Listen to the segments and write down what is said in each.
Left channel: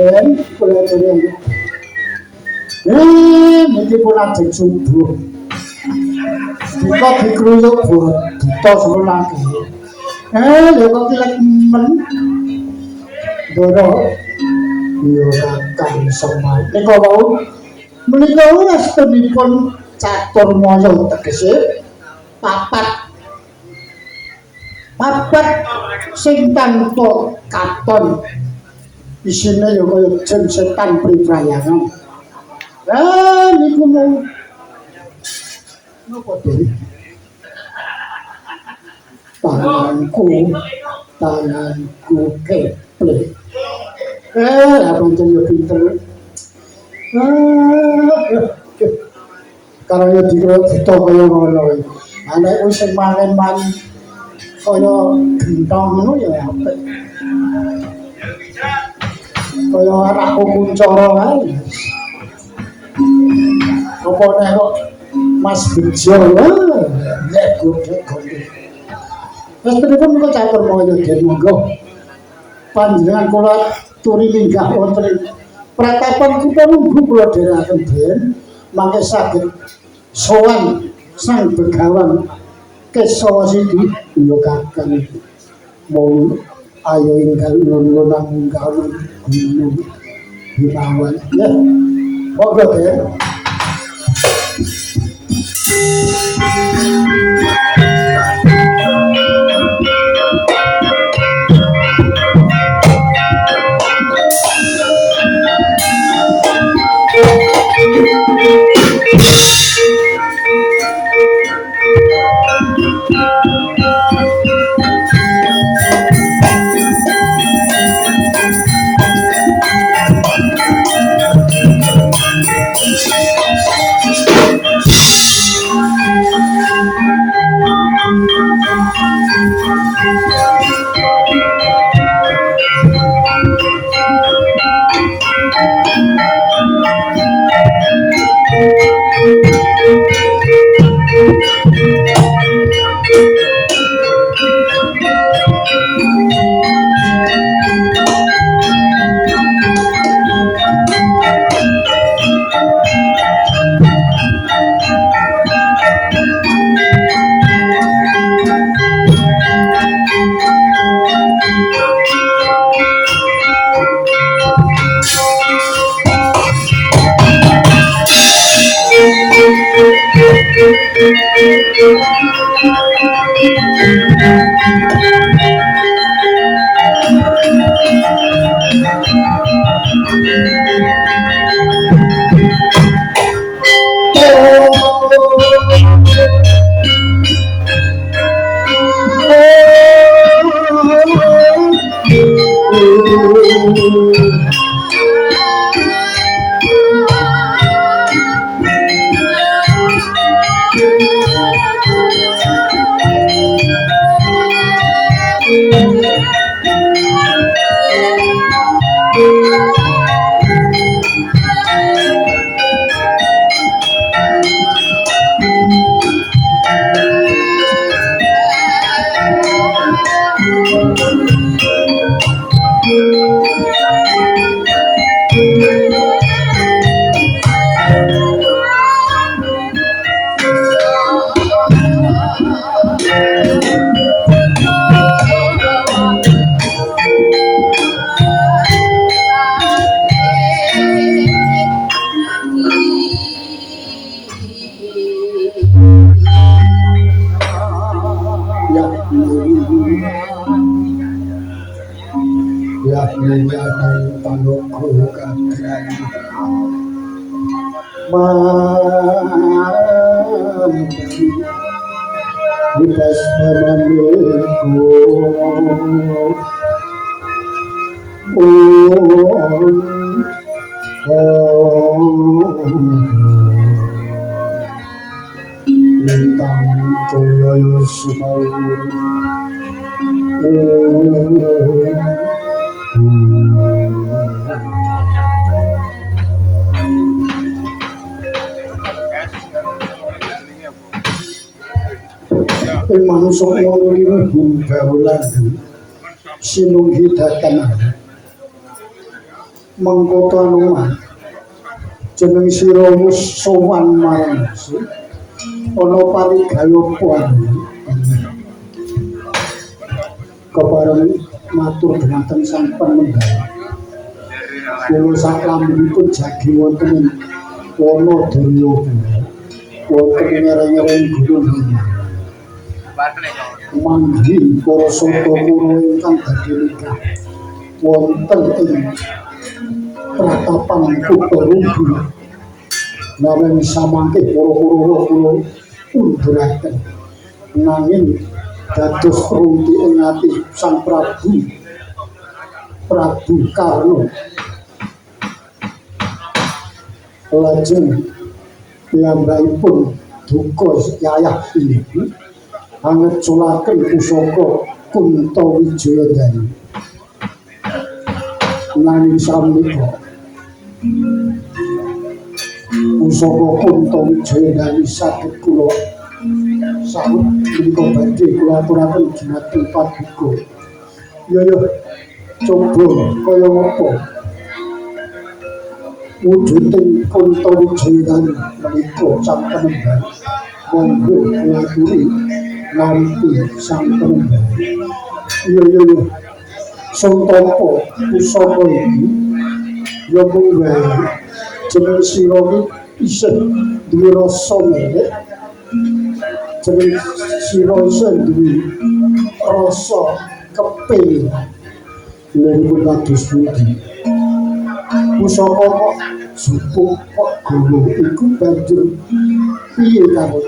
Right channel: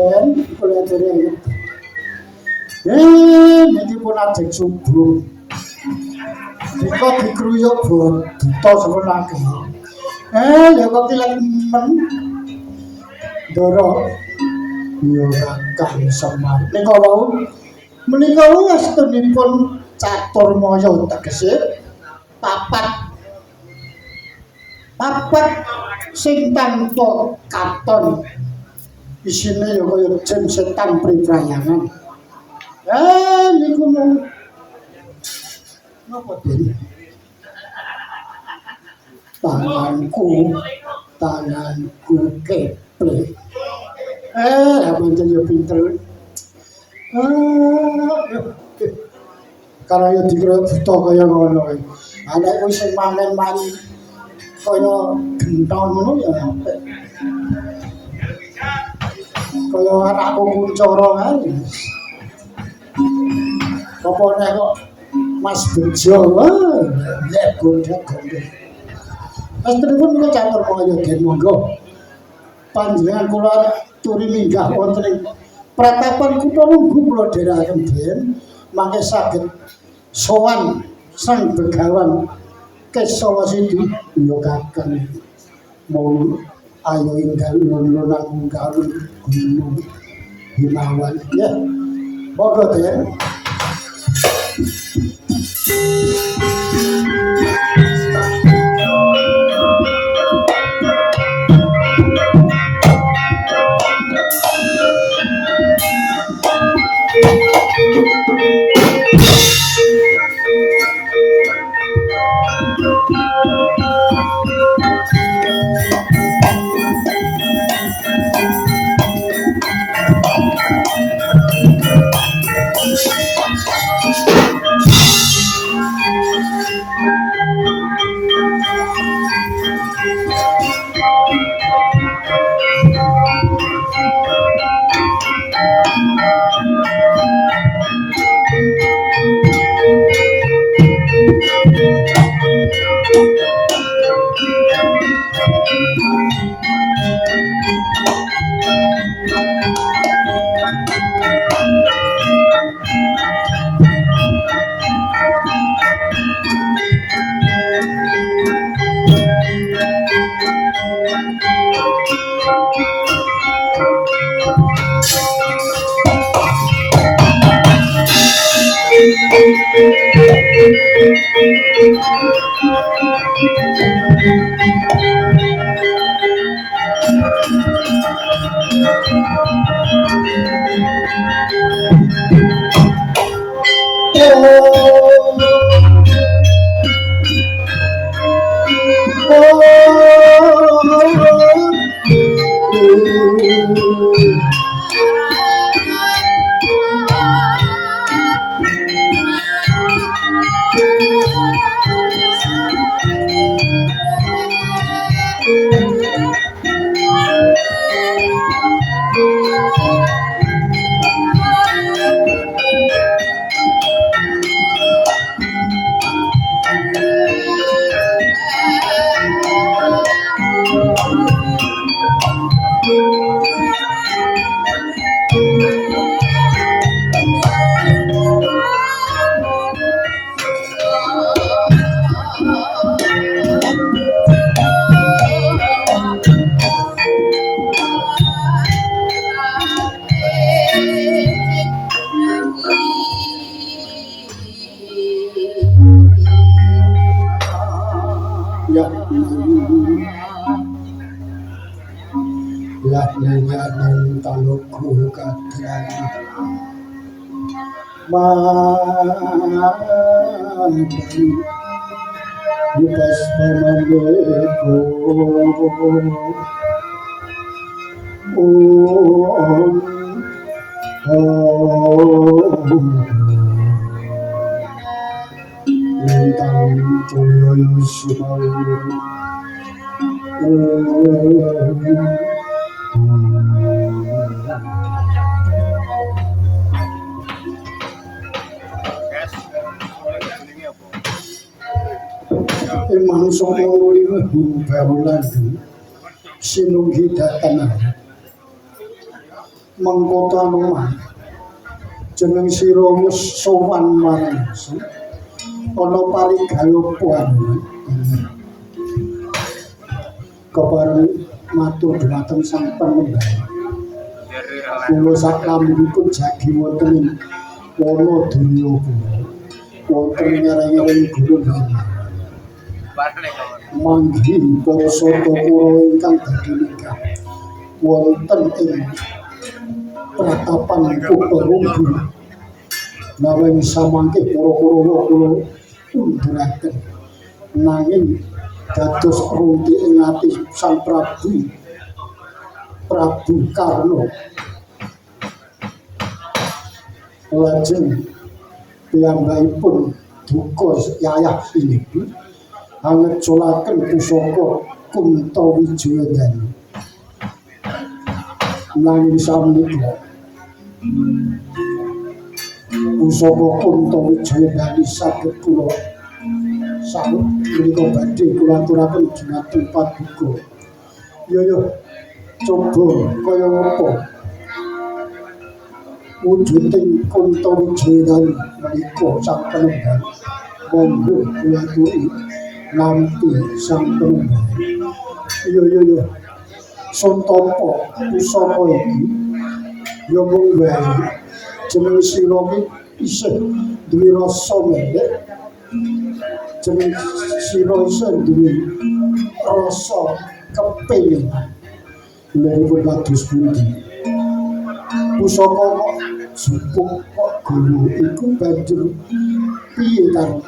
Dan kula dene. Niki pun ajeng subuh. Dika dikruyuk buta sekolah. Ya kok kilek men. Doro yo kang semai. Nika wau menika astunipun catur maya tegese papat sing tanpa katon isine yo kaya jeng setan priprayangan. Niku mung napa to? Tanganku keple. Abang yo pinter. Karena dikira buta kaya ngono. Anak wis sing mangan kaya gentong ngono ya apik. Kaya anakku kuncara kae. Apa nek kok Mas Bejo ya gondek-gondek. Wis pripun kok catur moyo den monggo. Panjenengan kula turi linggah wonten ing pratapan kutha Lungguh kula dherekaken ben mangke saged sowan Sang Begawan Kesawa Sindi ya kakang mau ayo ingkang nuwun kawula guru Himawan ya monggo Den. Bukas memandangku Lintang Jaya Sumawi manungsa ngono baulan sinunggi datang mengkota nomah jeneng sira wis sowan marang ana parigayopan kepareng matur dhumateng sang panembah kula sak lambipun jagi wonten ana daya wonten ngereng-ngereng gunung manggi para saka kula ingkang badhe nikah wonten ing pratapan Kutorubu nanging samangke para kula unduraken nanging dados rumpi ing ati Sang Prabu Karna lajeng piyambakipun duka yayah sinipi angeculaken pusaka Kuntawijayandanu nanging sameika pusaka Kuntawijayandanu saged kula sawet menika badhe kula aturaken dhumateng paduka yo coba kaya apa wujuding Kuntawijayandanu menika sang panembah monggo kula aturi nampi sang panembah yo Santapa pusaka iki yo mung wae jeneng sira iki isih duwe rasa melek jeneng sira isih duwe rasa kepengin lempun kados pundi pusaka kok subuh kok gulu iku banjur piye karo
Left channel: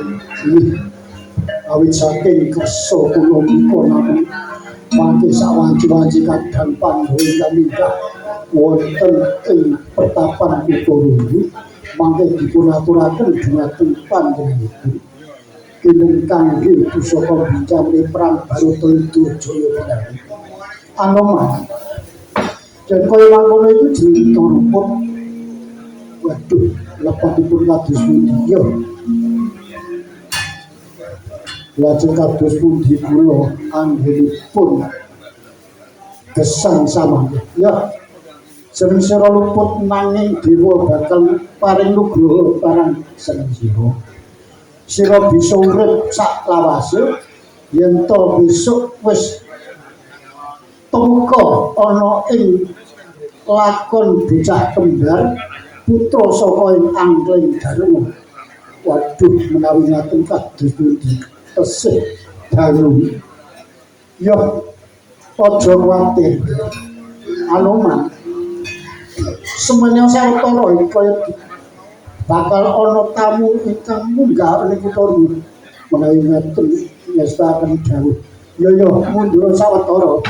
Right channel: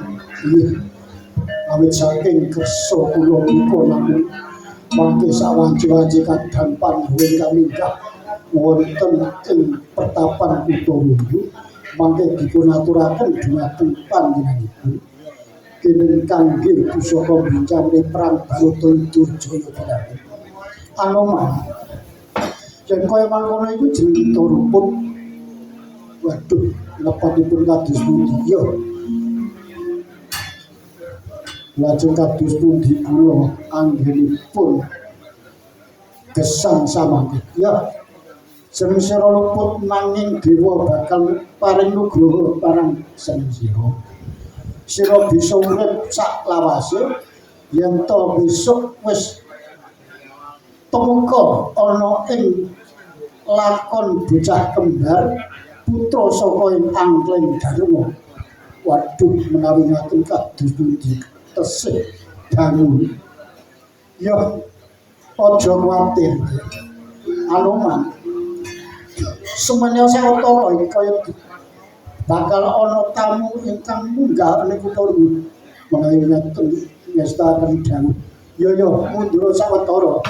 awit saking kersa kula menika namung mangke sawanci-wanci kadang pandhawa kamika wonten ing pertapan Kutorubu mangke dipun aturaken dhumateng panjenenganipun kinun kangge pusaka bincang perang Baratayuda Jaya Anoman yen kaya mangkono iku jeneng Kutorubu waduh lepatipun kados pundi ya lajeng kados pundi kula anggenipun gesang samangke ya seneng sira luput nanging dewa bakal paring nugraha parang seneng sira bisa urip sak lawase yen to besok wis tumeka ana ing lakon bocah kembar putra saka ing Angling Darma waduh menawi ngaten kados pundi tesih dalu yo aja kuwatir Anoman semenyo sawetara iki kaya bakal ana tamu ingkang munggah ning Kutorubu menawi ngaten ngestaken dawuh yo mundur sawetara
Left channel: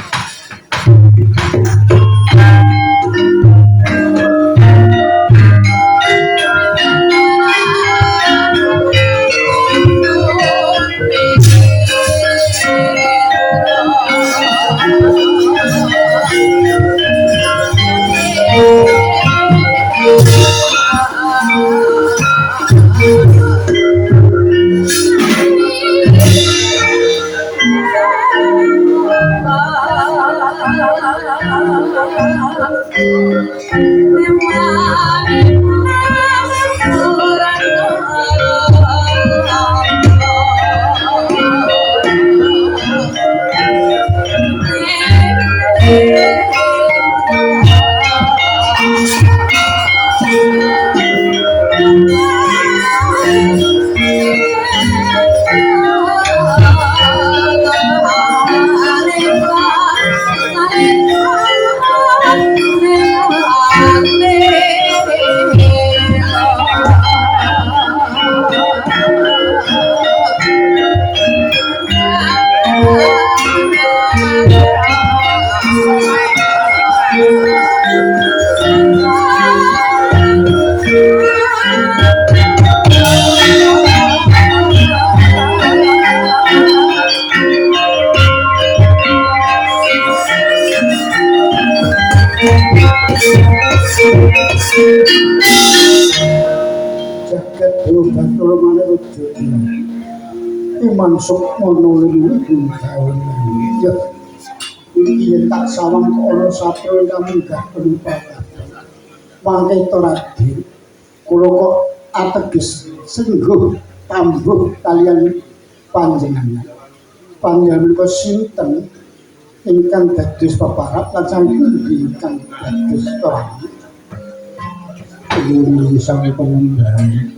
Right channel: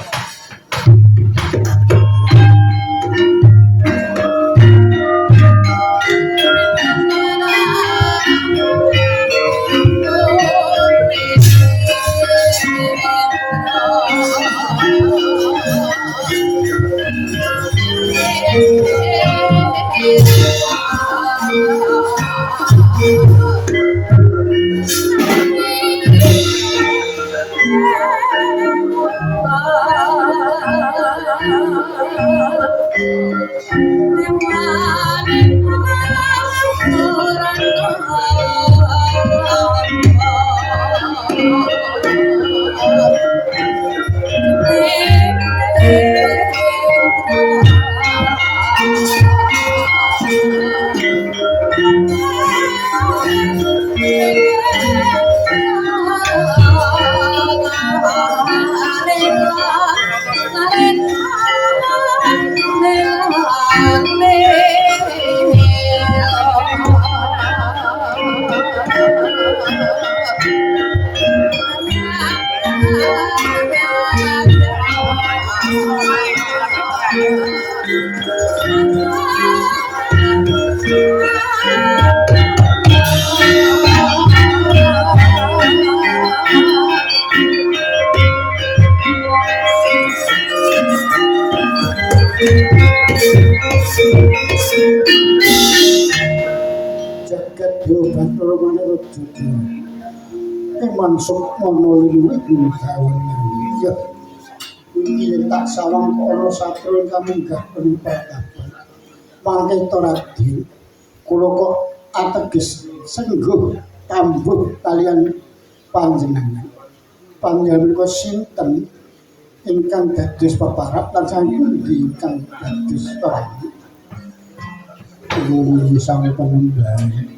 raja iman sukmono liwi gawe ya iki tak sawang ana sapro kamunggah penumpakan mangke to Raden kula kok ateges sengguh tambuh kalian panjenengan panjenengan sinten ingkang dados peparap lan saking ingkang dados orang ini sang penembang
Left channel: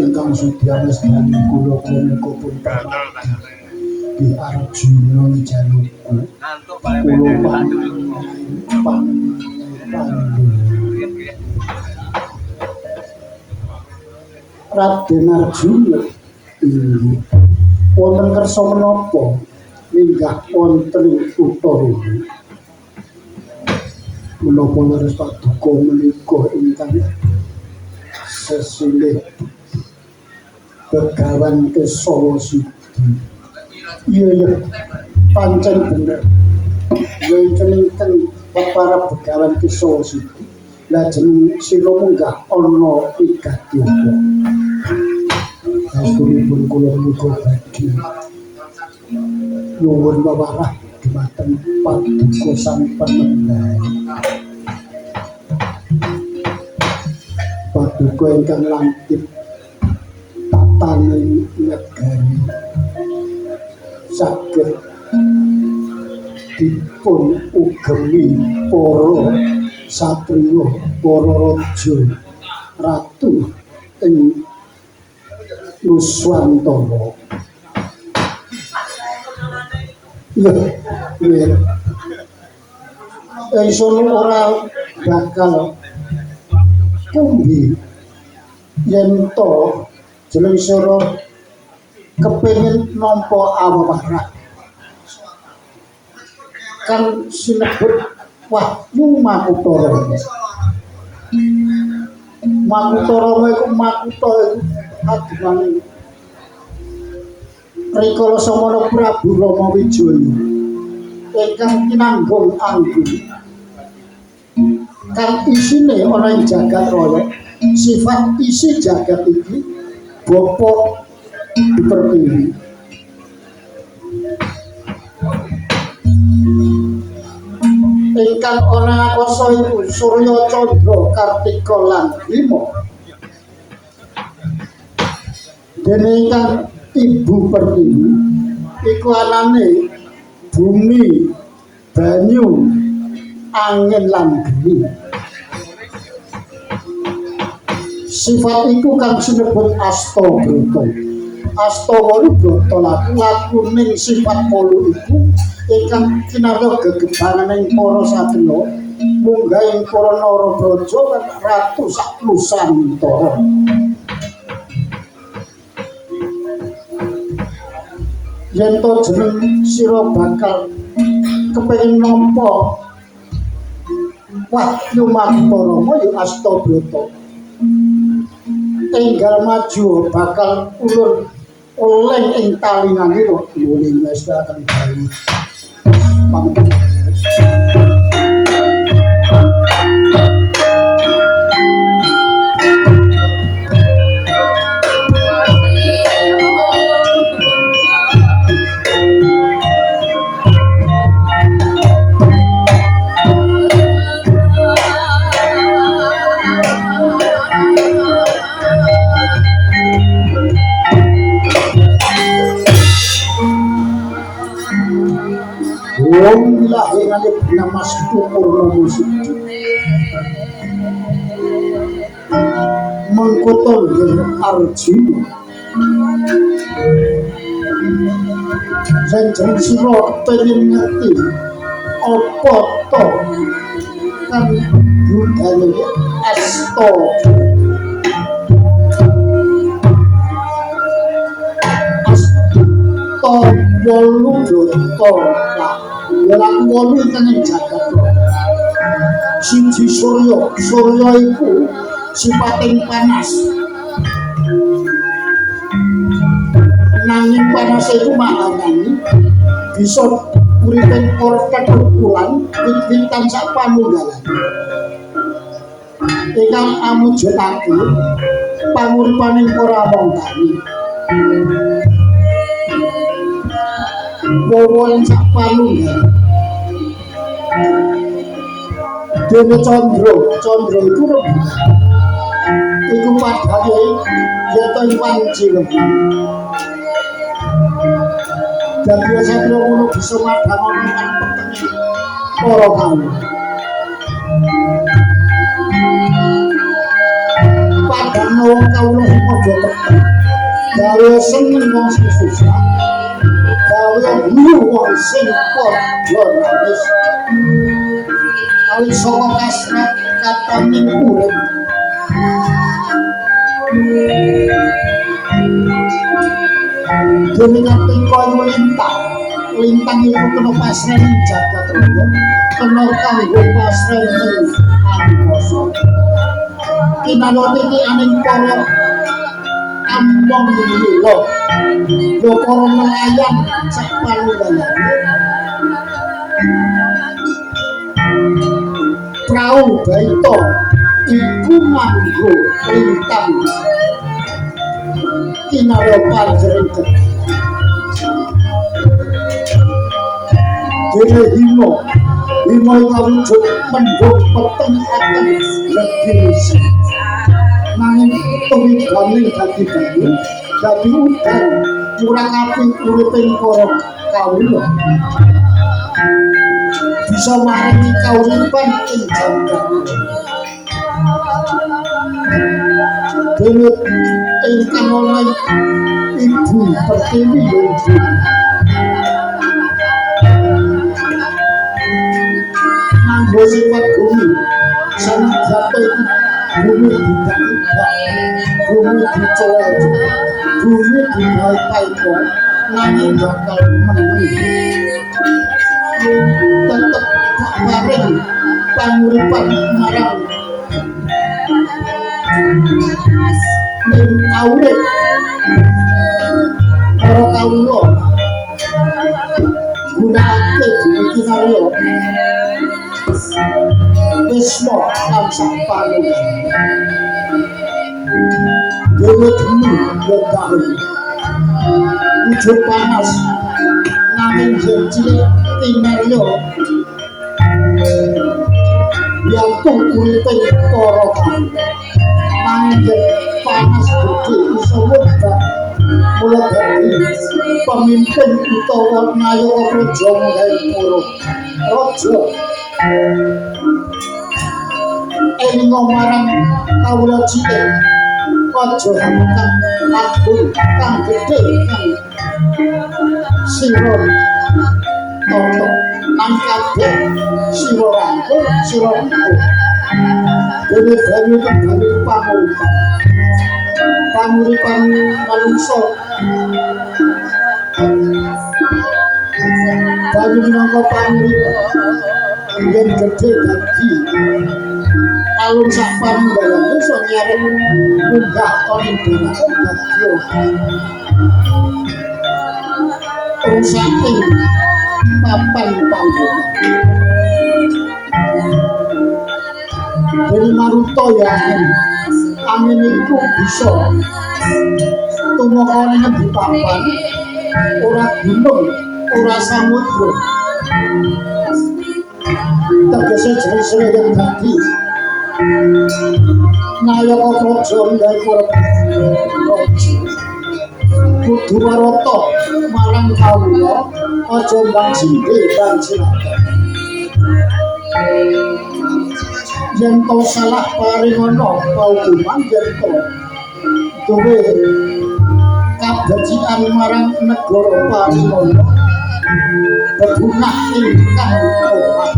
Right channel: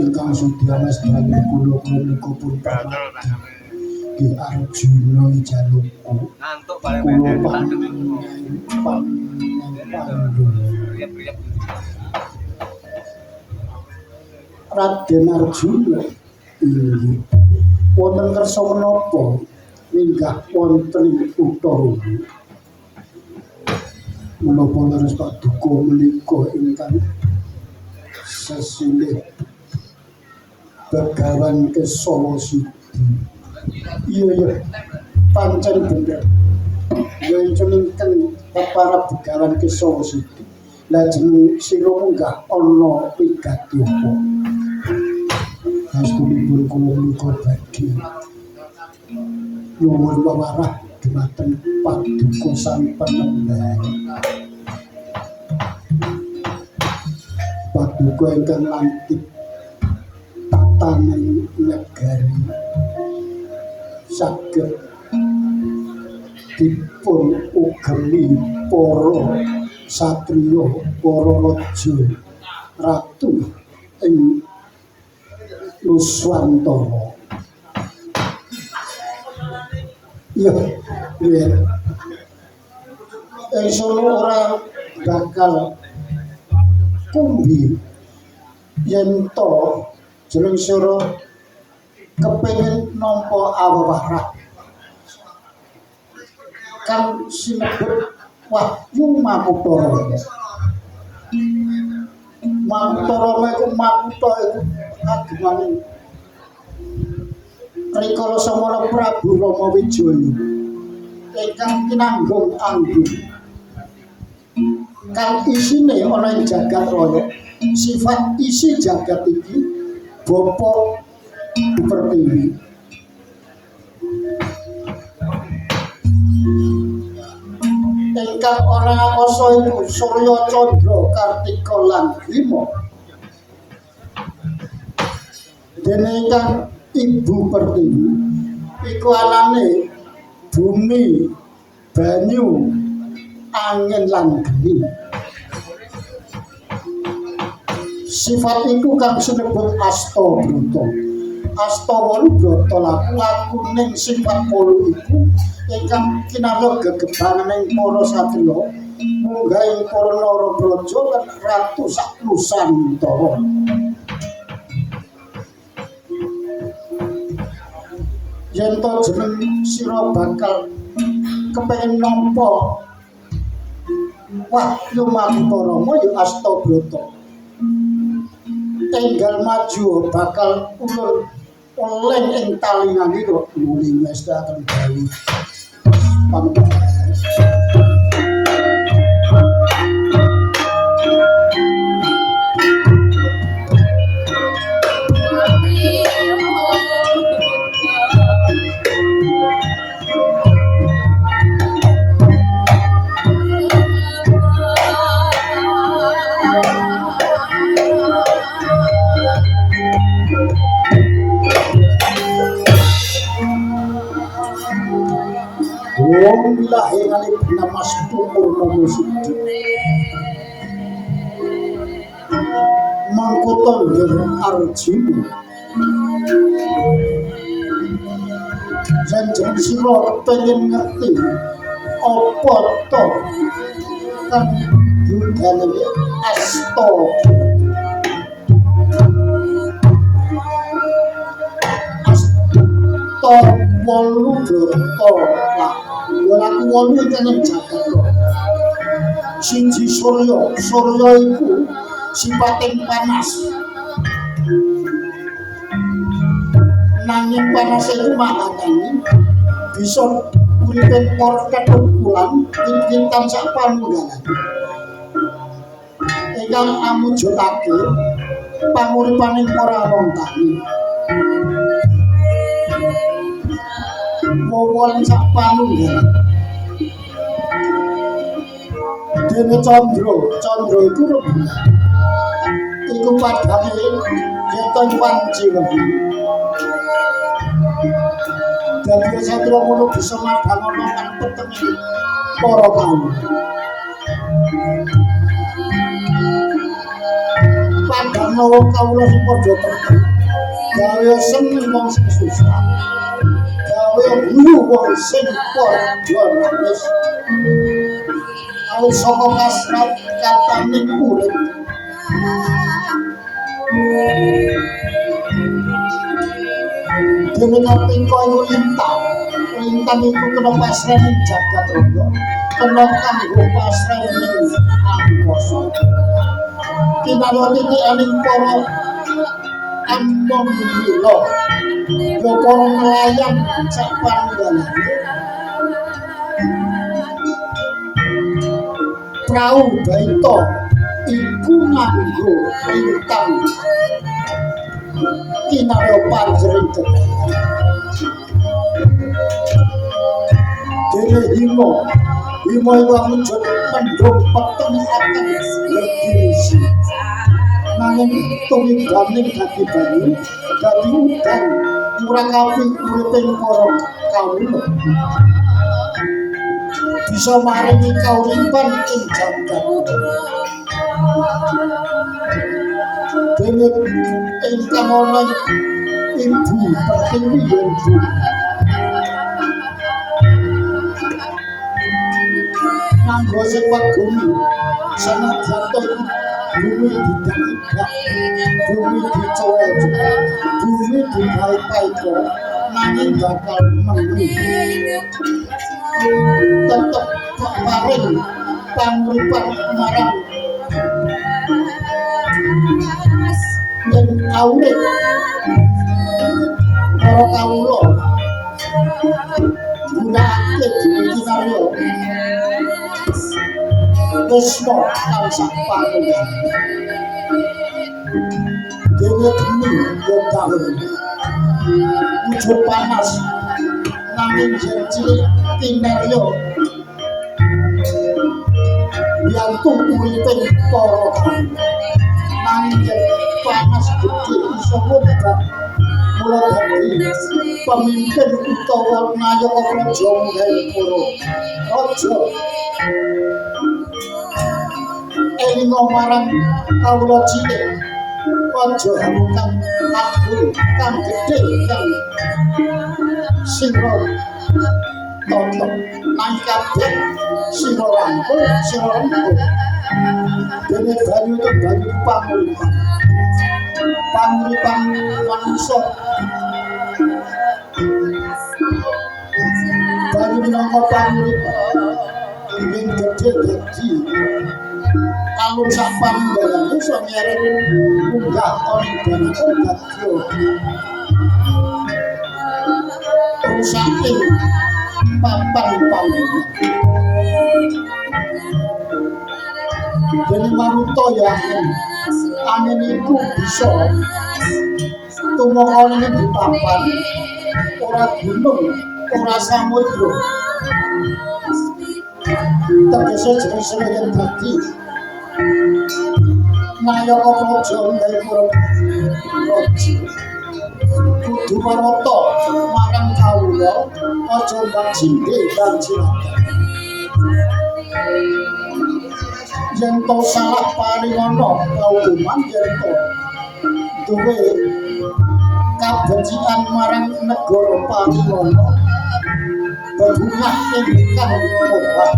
ingkang sudya mestani kula menika pun pramati di Arjuna Jalukku kula Raden Arjuna inggih wonten kersa menapa minggah wonten Utara menapa leres paduka menika ingkang sesilih Begawan Kesawa Sidi iya pancen bener wenceningken para Begawan Kesawa Sidi lajeng sira munggah ana pigati apa sasunipun kula menika badhe nyuwun pawarah dhumateng paduka sang penembang paduka ingkang langkit tataning negari saged dipun ugemi para satriya para raja ratu ing Nuswantara iya isono ora bakal kumbi yen to jeneng sira kepengin nampa awarah kang sinebut Wahyu Makutara Makutara iku Makuta kagungan Rikala Samana Prabu Rama Wijaya ingkang kinanggung anggun kang isine ana ing jagat raya sifat isi jagat iki Bapa Pertiwi ingkang ana akasa iku Surya Candra Kartika lan Bima dene ingkang Ibu Pertiwi iku anane bumi banyu angin lan geni sifat iku kang sinebut asta brata asta wolu brata laku ning sifat wolu iku ingkang kinarya gegebanganing para satriya munggah ing para narabraja lan ratu sak nusantara yen to jeneng sira bakal kepengin nampa Wahyu Makutara ya Astabrata enggal maju bakal ulun oleng ing talingan ira nuwun ngestaken bayi pantun Ilahi ngalip namas tukur musik mengkoton dengan Arjuna janjang sira pengen ngerti apa to kang budane asta wolu brata laku wolu ingkang jagat siji surya iku sipating panas nanging panas iku maknane bisa uripe ora ketukulan wit-witan sak panunggalan ingkang amujudake panguripaning ora wong tani. Wong sak panunggal. Dene Candra iku rembulan. Iku padhane yen iwan cilik. Dan biasa kira ngono bisa madhang ana kan petenge para kaum. Padhang wong kawula sing padha peteng. Gawe seneng wong sing susah. Gawe guru wong sing padha nangis. Awit saka kasrat kataning urip. Dene kating koyo lintang iku kena pasrah ning jagat raya, kena kanggo pasrah ning angkasa. Kinalone iki aning para ambon lilo. Yo para nelayan sak panunggalane. Prau baita iku nganggo lintang inaropan cerita dene himo itu wujud mendung peteng akan bergisi nanging tuwidane dadi udan murakapi uriping para kawula bisa maringi kauripan ing jagat dene ingkang ana ibu pertiwi nganggo sifat bumi sanadyan bumi tidak bumi dicoret bumi dipaiko nanging bakal menang tetep paring panguripan marang ning awit para kawula gunakake kinarya Wisma lan sak panunggal dewe geni bertahan ujung panas nanging yen cilik kinarya biantung uriping para kawula nanging yen panas gede iso wegah mula dadi pemimpin utawa nayaka praja Hendra raja elinga marang kawula cilik aja hamkang lagun kang gedhe kang sira tonton nang kabeh sira rangkul dene banyu panguripan manungsa banyu minangka panguripan yen gedhe dadi alun sak panunggalane iso nyeret munggah ana dalan bagyo rusaking papan panggonan dene maruta ya angin iku bisa tumeka ning di papan ora gunung ora samudra tegese jenenge yen dadi nayaka praja Hendra kudu marata marang kawula aja mbang sindhe mbang cilaka yen to salah paringana paukuman yen to duwe kabecikan marang negara paringana bebungah ingkang kuat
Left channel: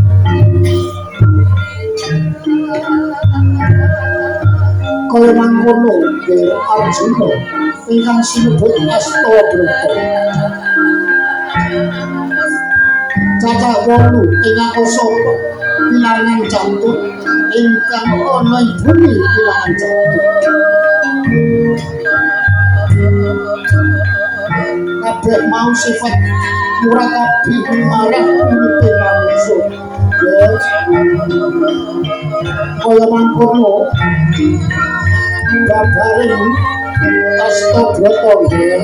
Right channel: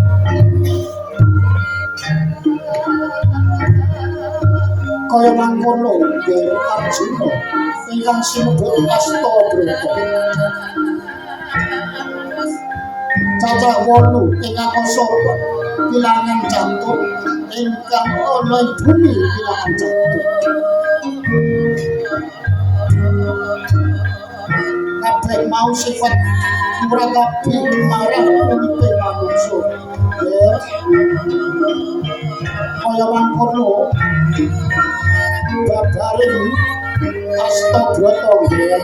kaya mangkono Arjuna ingkang sinebut Astabrata cacah 8 ing akasara pilangan jantung ingkang ana ing bumi pilangan jantung kabeh mau sifat murakabi marang uripe manungsa kaya mangkono babaring Astabrata nggih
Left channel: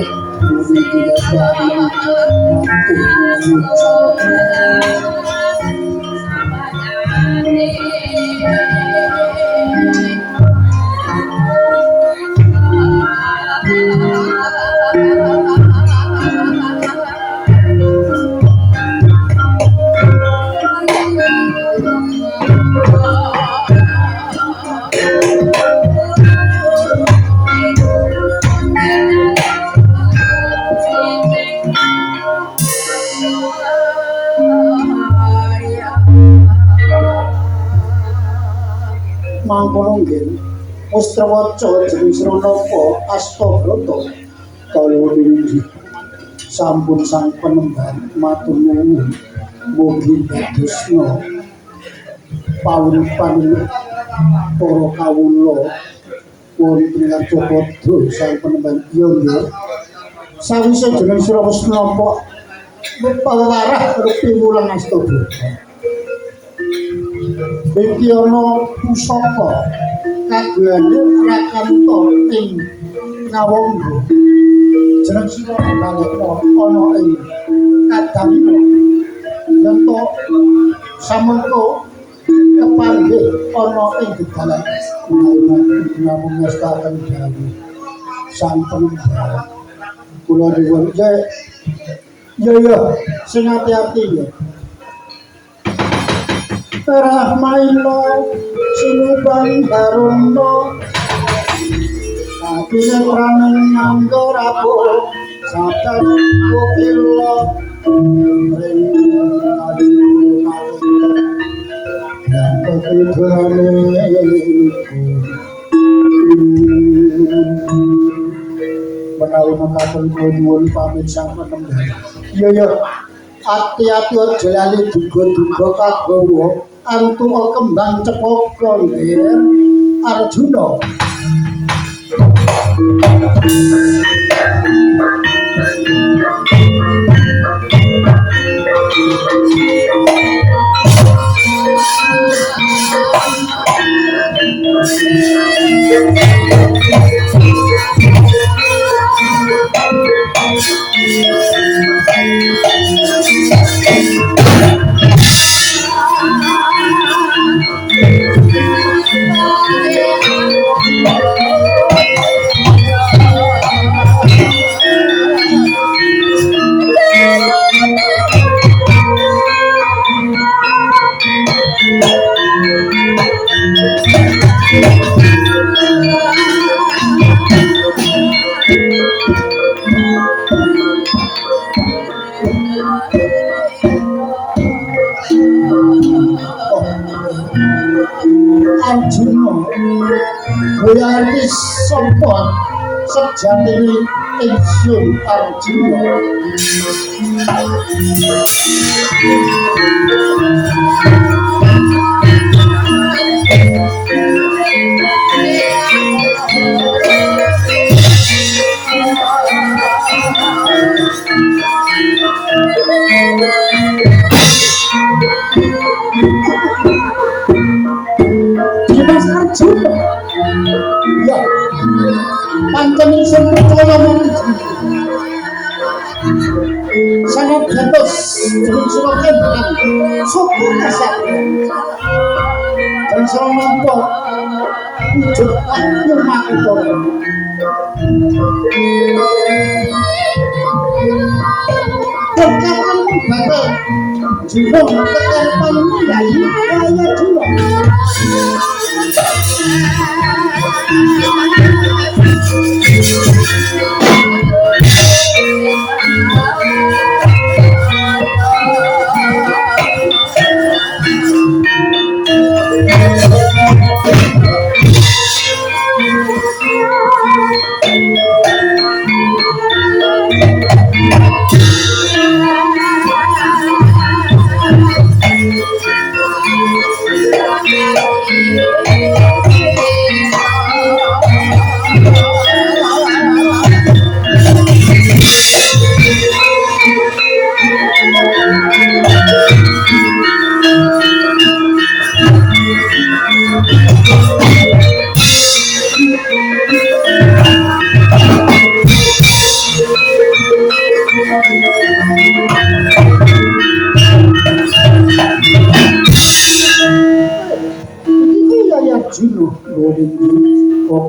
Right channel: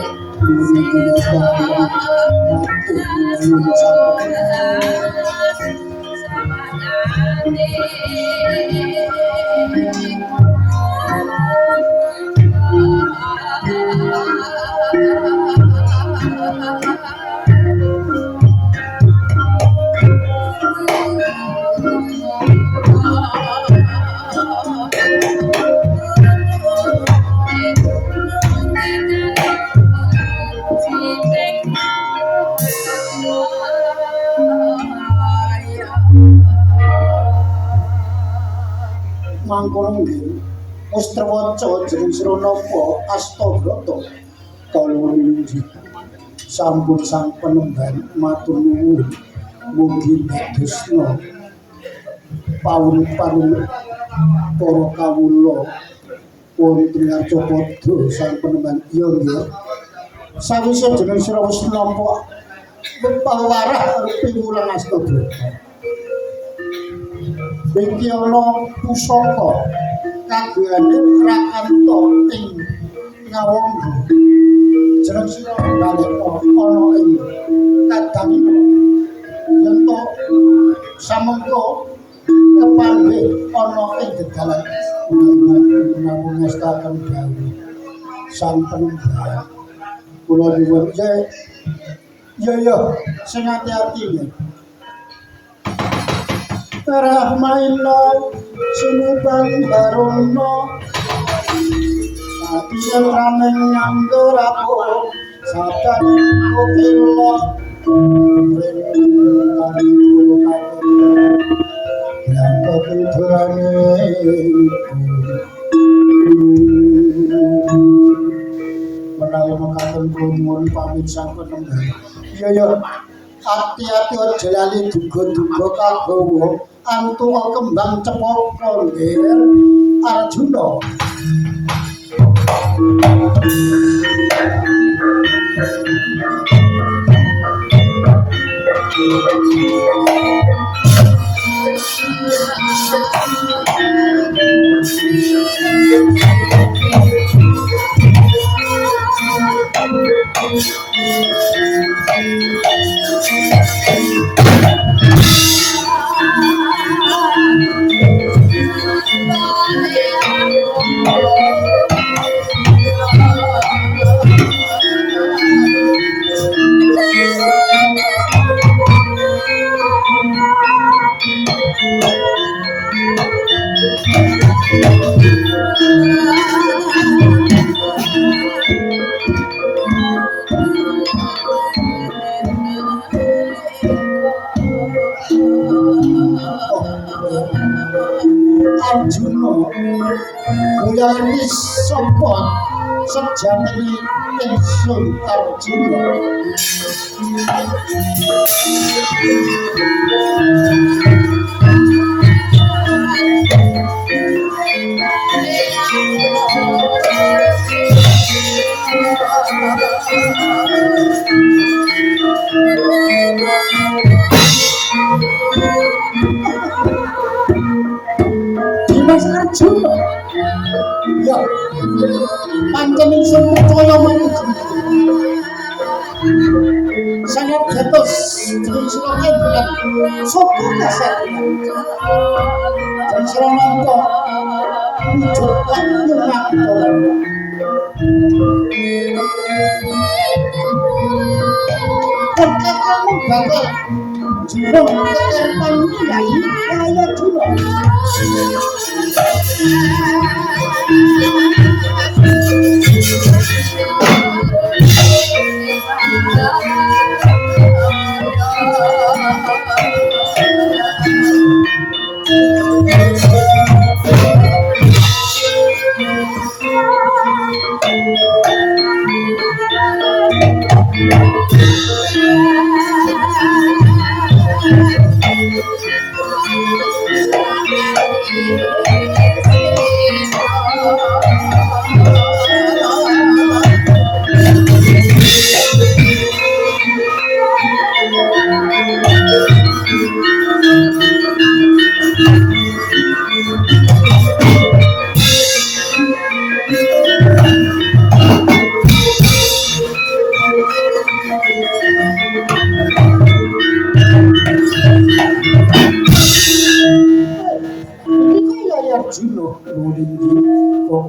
mangkono nggih wis trewaca jeneng Sranapa Astabrata kalih sampun sang penemban matur nuwun mugi dadosna pawurupan para kawula wonten Ngacapada sang penemban iya nggih sawise jeneng sira wis nampa pawarah rupi wulang Astabrata iki ana pusaka kagungane Rakanta ing Ngawangga jeneng sira balekna ana ing Kadamina yen to samengko kepanggih ana ing gedalan namung ngestaken dawuh sang penemban kula nyuwun ya sing ati-ati ya Rahmaina sinuban barono Satine praneng nganggo rapuh Sadan kukila Ringkali kunawete Yang kepidurane Menawi mekaten kula nyuwun pamit sang penemban iya ati-ati aja lali duga-duga kagawa antuk kembang cepaka nggih Arjuna Arjuna goyane sapa sejatine ingsun Arjuna Dimas Arjuna ya pancen ingsun percaya manut sangat gantos jeneng sira ngendhat sapa kasar jeneng sira nampa wujud lan makutara Kakang bakal jurung ketempan dari kaya dula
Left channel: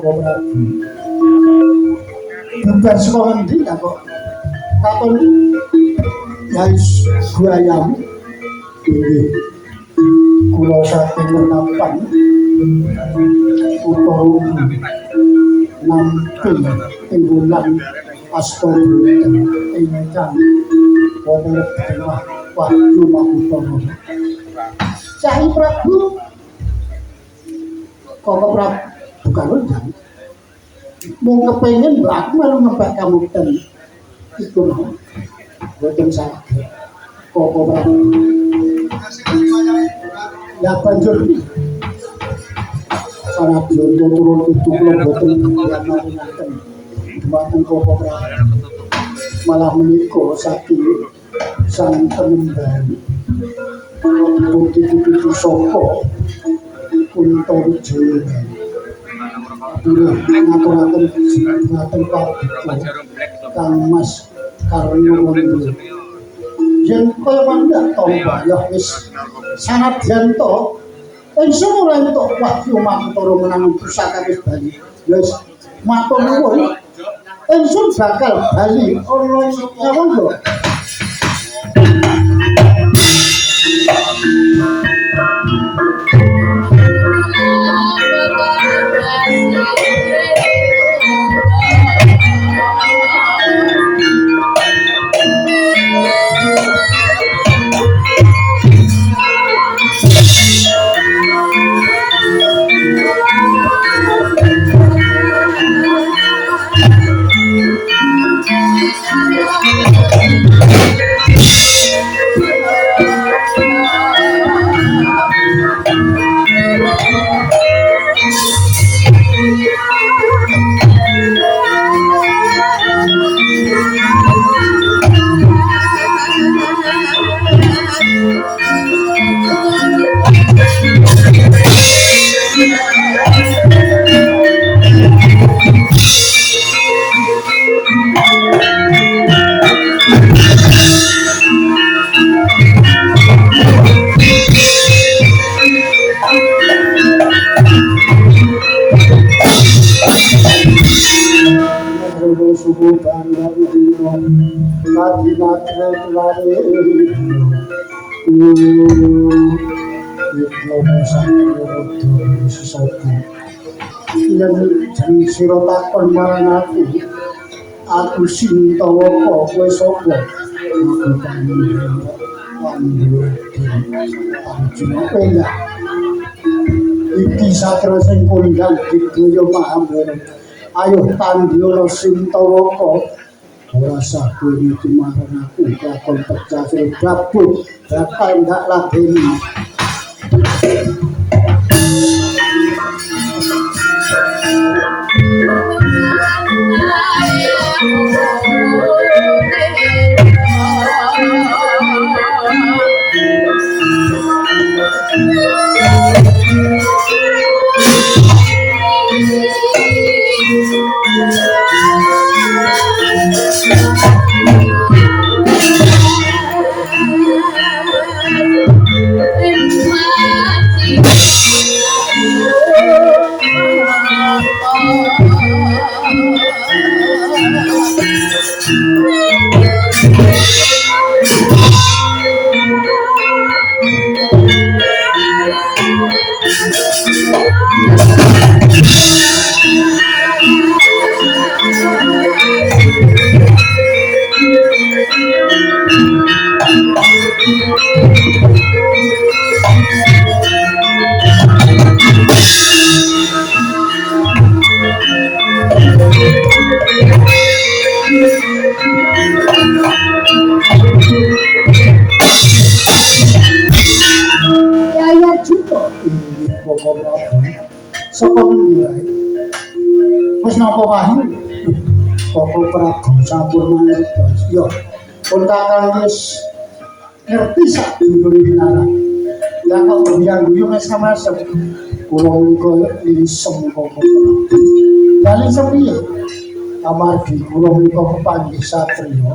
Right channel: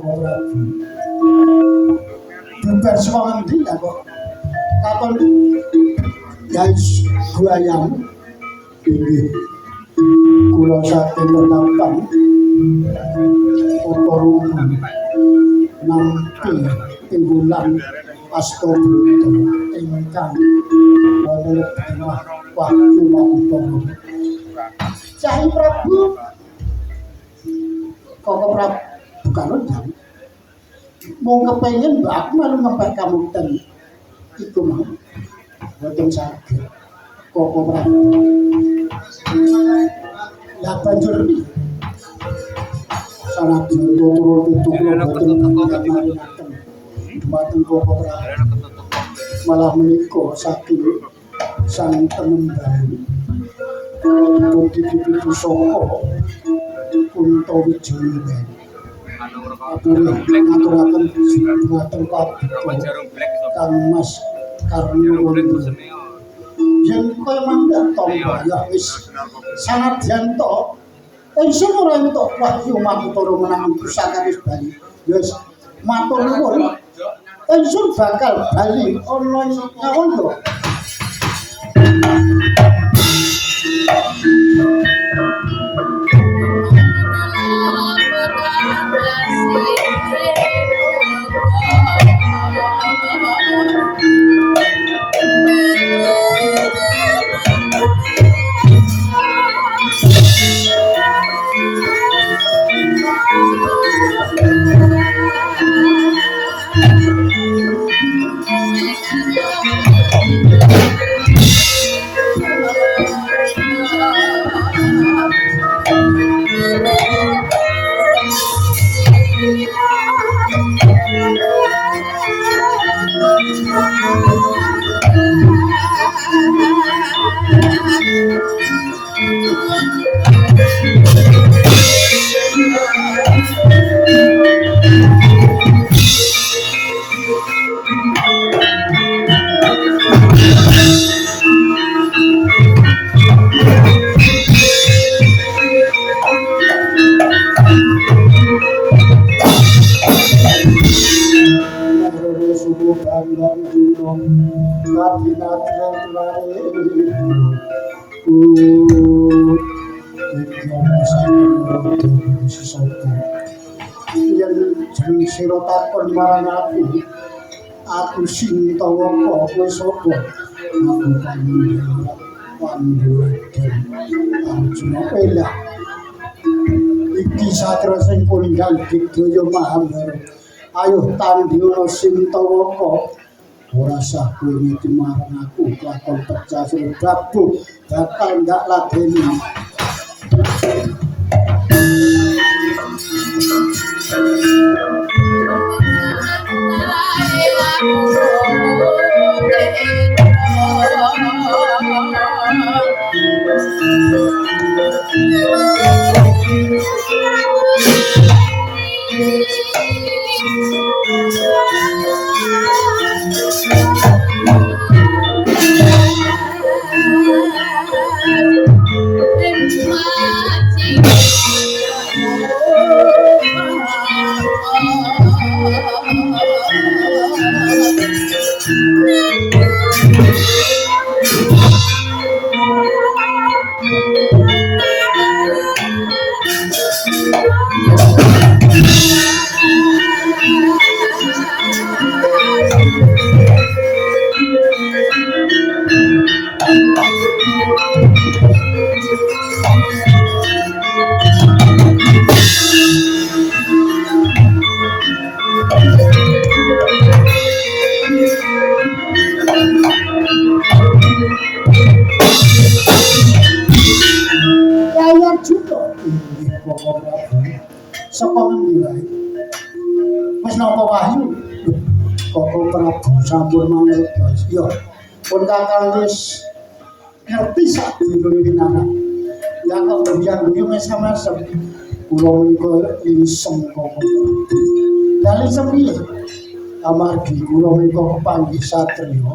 Koko Prabu. Bubar saka ngendi ya kok katon guys buayamu. Inggih. Kula saking Pertapan Utara nampi ing bulan Astagfirullah ingkang wonten tengah Wahyu Mahutara. Cai Prabu Koko Prabu bukan jam mau kepengen mbak aku malu ngembak kamu tadi itu mau boten saged Koko Prabu ya banjur iki salah jonto turun itu kula boten yang mau ngaten dumateng Koko Prabu malah menika saking sang penembang Bukti-bukti soko Kunto Wijaya ngaturaken ngaten kabeh Kang Mas Karno Wondo yen kaya mangga tomba ya wis sanadyan to ingsun ora entuk Wahyu Mahutara menang pusaka wis bali wis matur nuwun ingsun bakal bali ana ngawon yen sira takon marang aku Sintawaka kowe sapa aku Arjuna Penda iki saterusing kondhang Digdaya Mahabharata ayo tandhiyana Sintawaka ora sah kowe marang aku lakon pecah babu bakal ndak ladeni saka ngendi wae wis napa Wahyu Koko Prabu sampun mangertos yo pun kakang wis ngerti sak dulure nara ya kok biang yo mas-mas kula menika lisem Koko Prabu bali sepiye amargi kula menika kepanggih satriya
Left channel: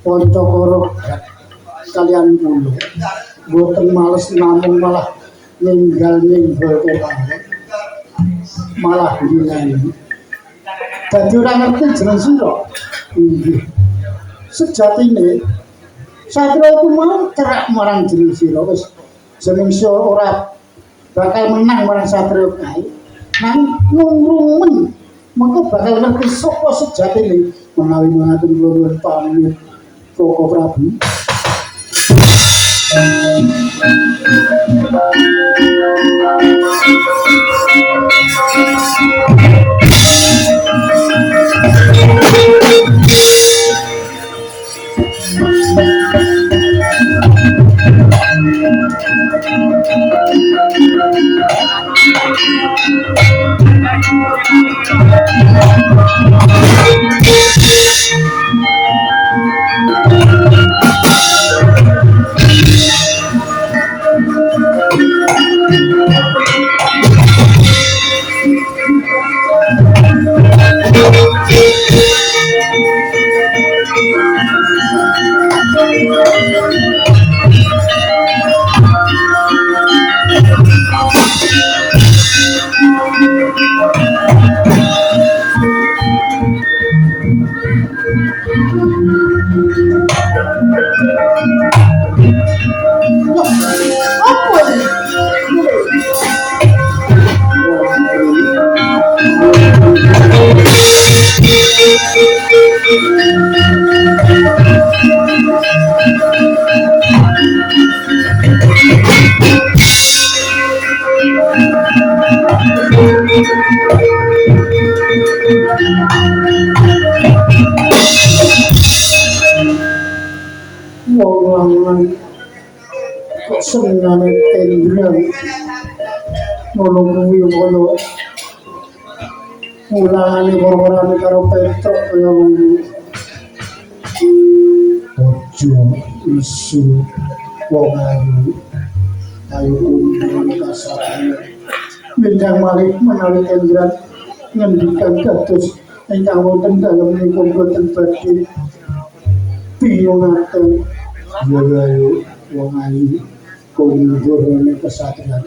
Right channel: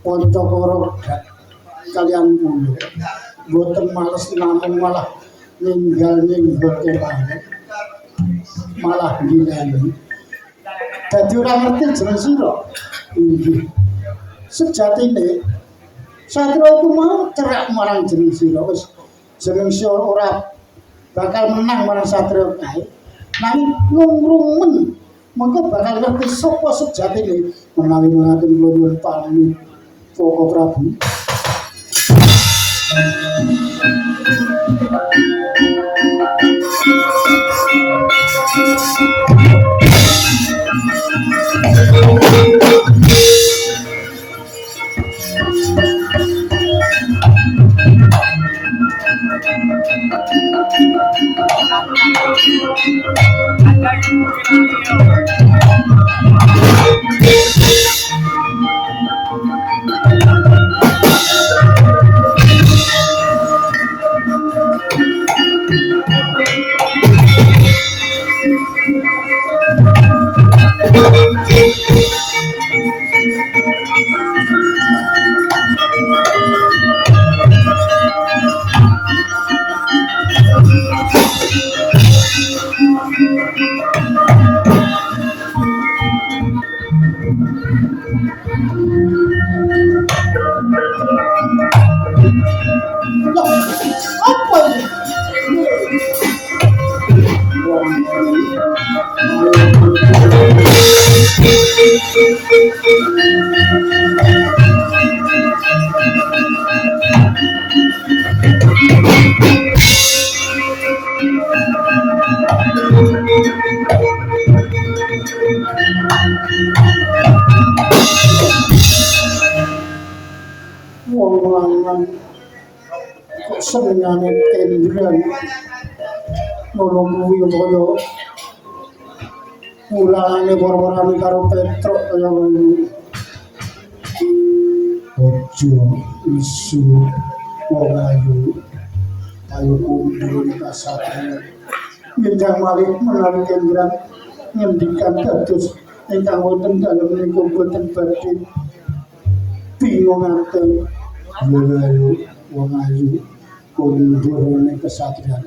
Pancakara kalian kula boten males namung malah ninggal ke panggung malah ngene. Dadi ora ngerti jeneng sira. Inggih. Sejatine Satria iku mau cerak marang jeneng sira wis jeneng sira ora bakal menang marang Satria kae. Nang ngrungun mengko bakal ngerti sapa sejatine menawi ngaten nuwun pamit Koko Prabu. Senengane tendran nolong kuwi kaya mulane warane karo Petruk kaya ngono ojo isu wong ayu kundur kasane minjang malih menawi tendran ngendikan dados ingkang wonten dalem menika boten badhe bingungaken ayo wong ayu kundur kesatria.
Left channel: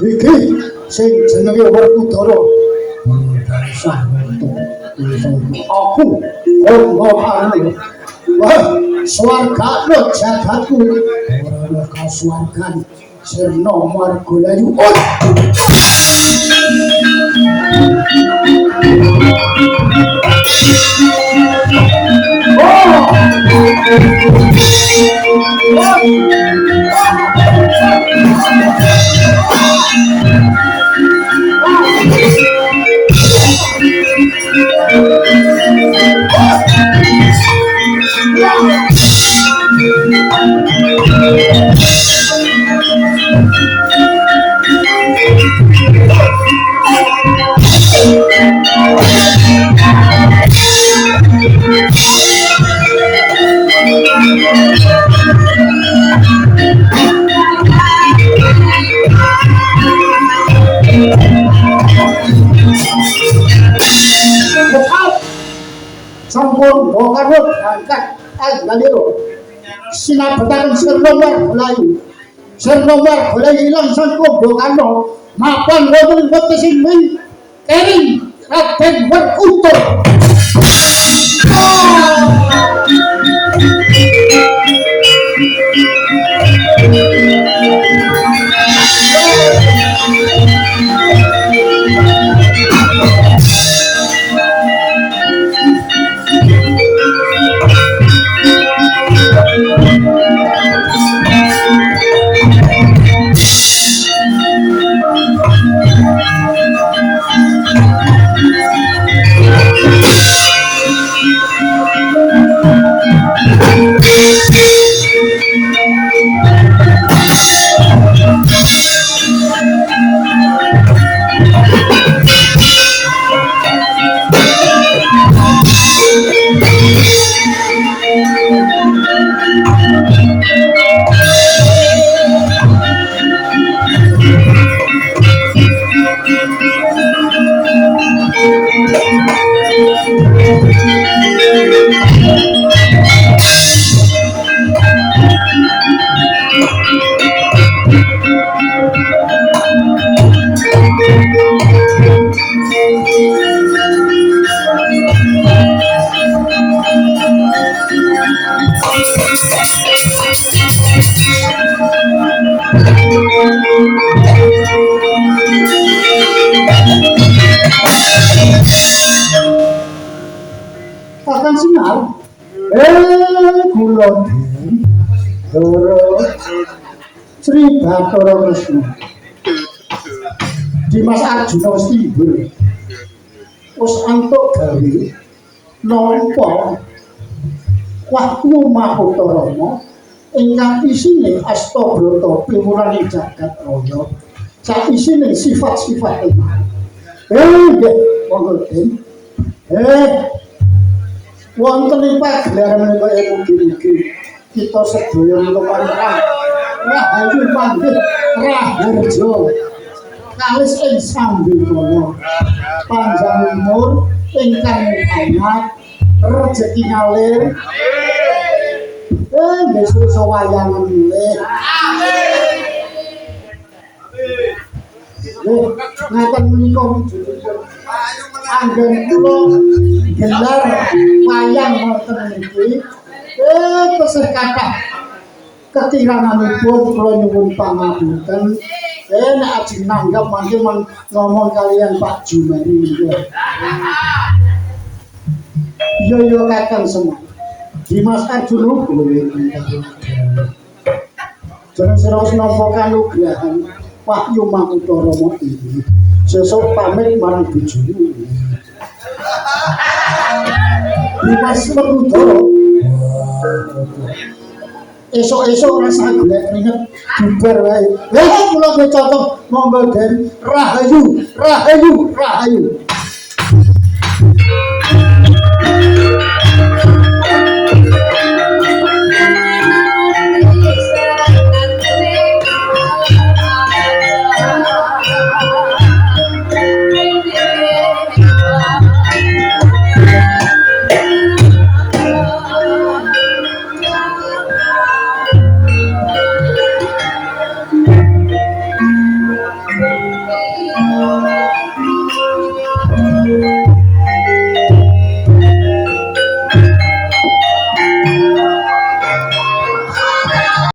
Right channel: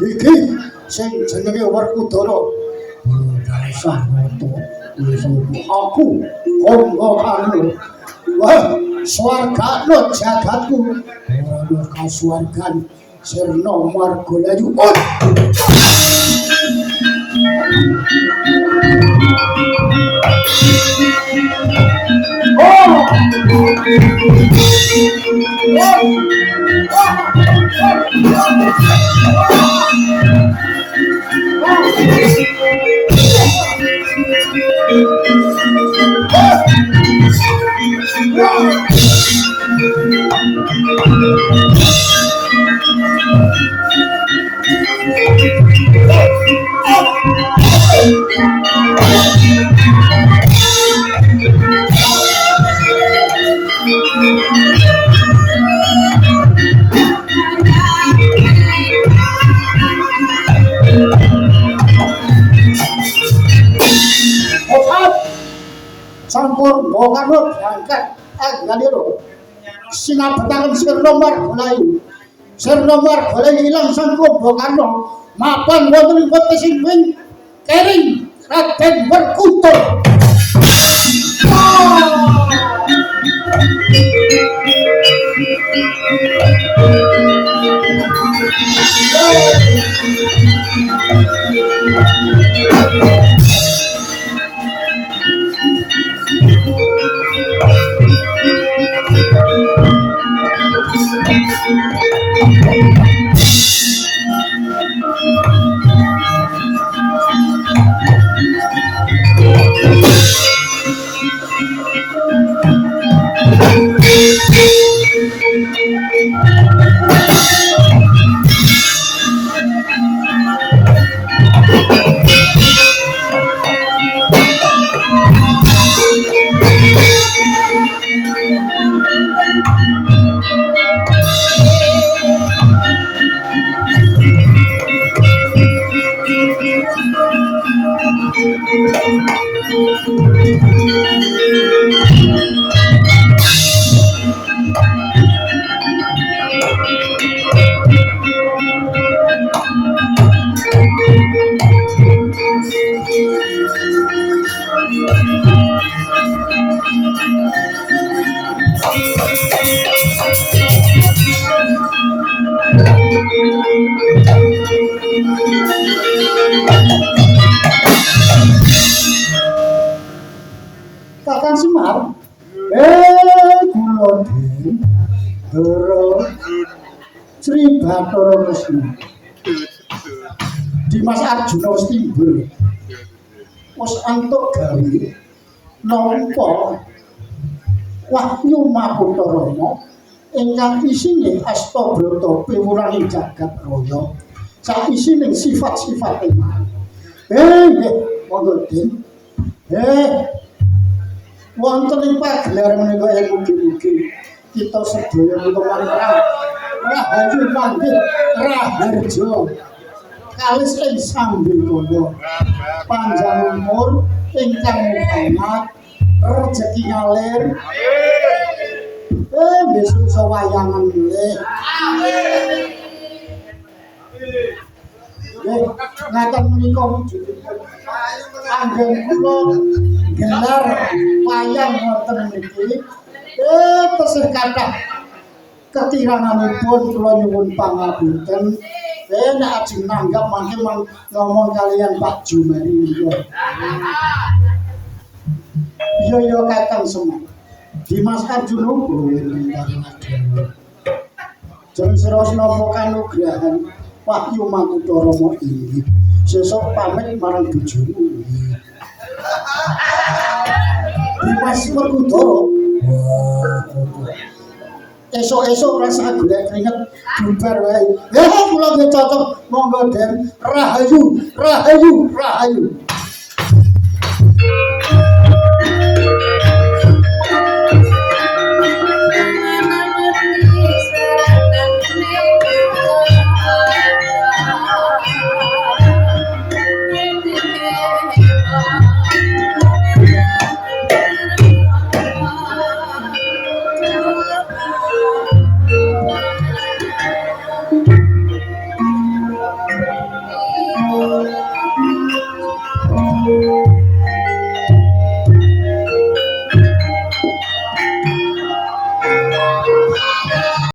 Iki sing jenenge Werkudara. Aku anu. Wah, swargane jagatku. Ora kasuwargan sirna margalayu. Sampun bokan berangkat lho. sinabetaken Sirna Margalayu. Sirna Margalayu ilang sang Kumbakarna mapan wonten wetesing wing kering Raden Werkudara. Kakang Sinar, kula Doro Sri Bathara Kresna. Dimas Arjuna wis timbul. Wis antuk gawe nampa Wahyu Mahkota Rama ingkang isine Astabrata piwulanning jagat raya. Sak isine sifat-sifat iman. Nggih, monggo Den. Wonten ing pagelaran menika mugi-mugi kita sedaya lumantar rahayu panggih raharja kalis ing sambikala panjang umur ingkang muhamat rejeki ngalir besok sawayangan nggih ngaten menika wujudipun anggen kula gelar wayang wonten niki tesih kathah kekiranganipun kula nyuwun pangapunten nek ajeng nanggap mangke ngomong kalian Pak Jumari iya kakang semua Dimas Arjuna jeneng sira napa kanugrahan Wahyu Mahkota Rama iki sesuk pamit marang bojomu Dimas Werkudara esok-esok rasa golek keringet bubar wae ya kula cocok monggo Den rahayu rahayu rahayu